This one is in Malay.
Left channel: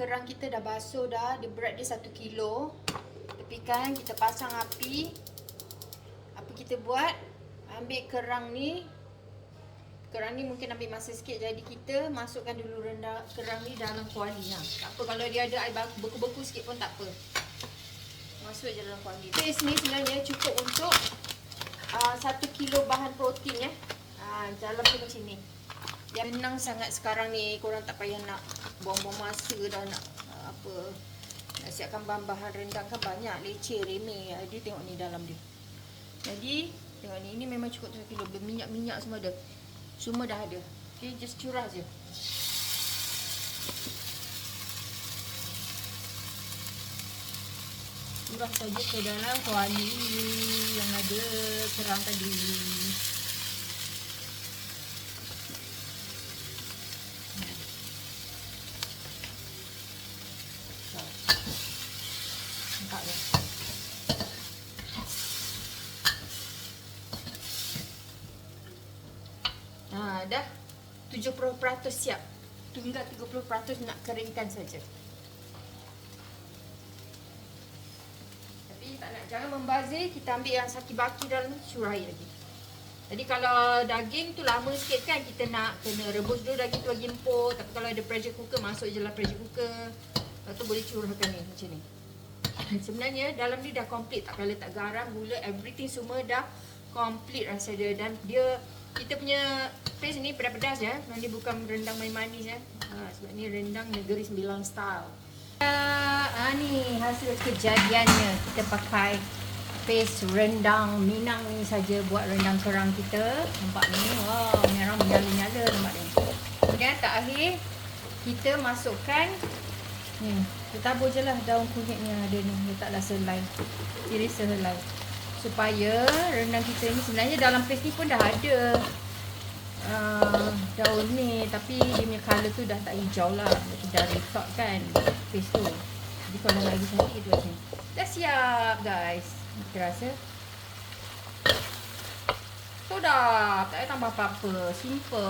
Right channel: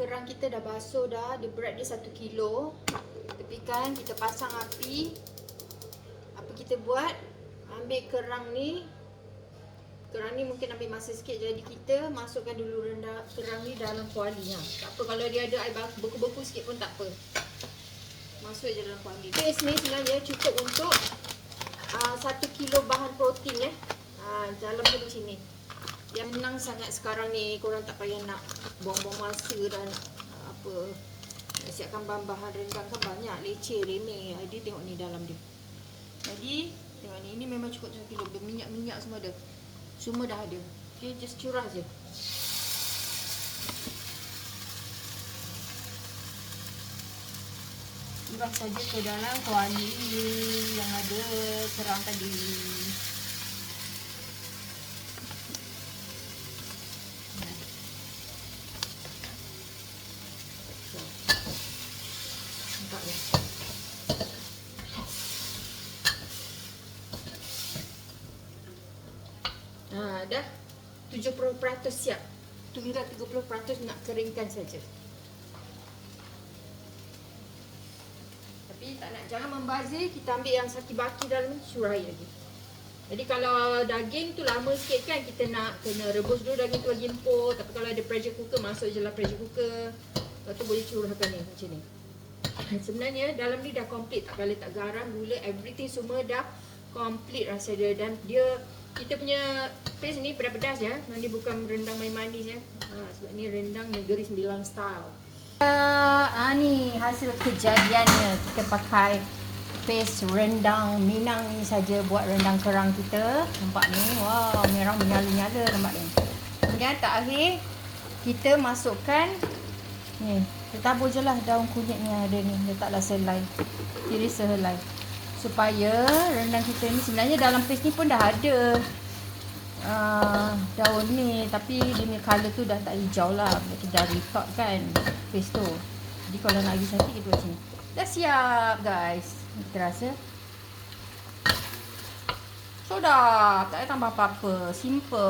kerang kita dah basuh dah. Dia berat dia 1 kilo. Tepikan, kita pasang api. Apa kita buat? Ambil kerang ni. Kerang ni mungkin ambil masa sikit, jadi kita masukkan dulu rendang kerang ni dalam kuali. Tak apa kalau dia ada air beku-beku sikit pun tak apa. Masuk je dalam kuali. Paste ni sebenarnya cukup untuk 1 kilo bahan protein dalam tu macam ni. Yang senang sangat sekarang ni, korang tak payah nak buang-buang masa dan nak nak siapkan bahan-bahan rendang kan banyak, leceh, remeh. Dia tengok ni dalam dia. Jadi tengok ni, ini memang cukup 1 kilo. Minyak-minyak semua ada. Semua dah ada. Okay, just curah je. Curah saja ke dalam kuali yang ada kerang tadi. Nampak tak? Dah 70% siap. Tinggal 30% nak keringkan saja. Tapi tak nak, jangan membazir. Kita ambil yang saki-baki dalam ni, curah lagi. Jadi kalau daging tu lama sikit kan, kita nak kena rebus dulu daging tu bagi empuk. Tapi kalau ada pressure cooker, masuk je lah pressure cooker. Lepas tu boleh curahkan ni macam ni. Sebenarnya dalam ni dah komplit. Tak payah letak garam, gula, everything semua dah komplit rasa dia. Dan dia, kita punya paste ni pedas-pedas ya. Ini bukan rendang manis ya. Sebab ni rendang Negeri Sembilan style. Ni hasil kejadiannya. Kita pakai paste rendang Minang ni saja buat rendang kerang kita. Nampak ni. Wow, merah menyala-nyala nampak ni. Kemudian terakhir kita masukkan ni. Kita tabur je lah daun kunyit ni ada ni. Letaklah selai. Iris sehelai. Supaya rendang kita ni sebenarnya dalam paste ni pun dah ada daun ni, tapi dia punya colour tu dah tak hijau lah. Berarti dah retort kan paste tu. Jadi kalau nak lagi cantik kita buat sini. Dah siap guys. Kita rasa so dah tak payah tambah apa-apa. Simple.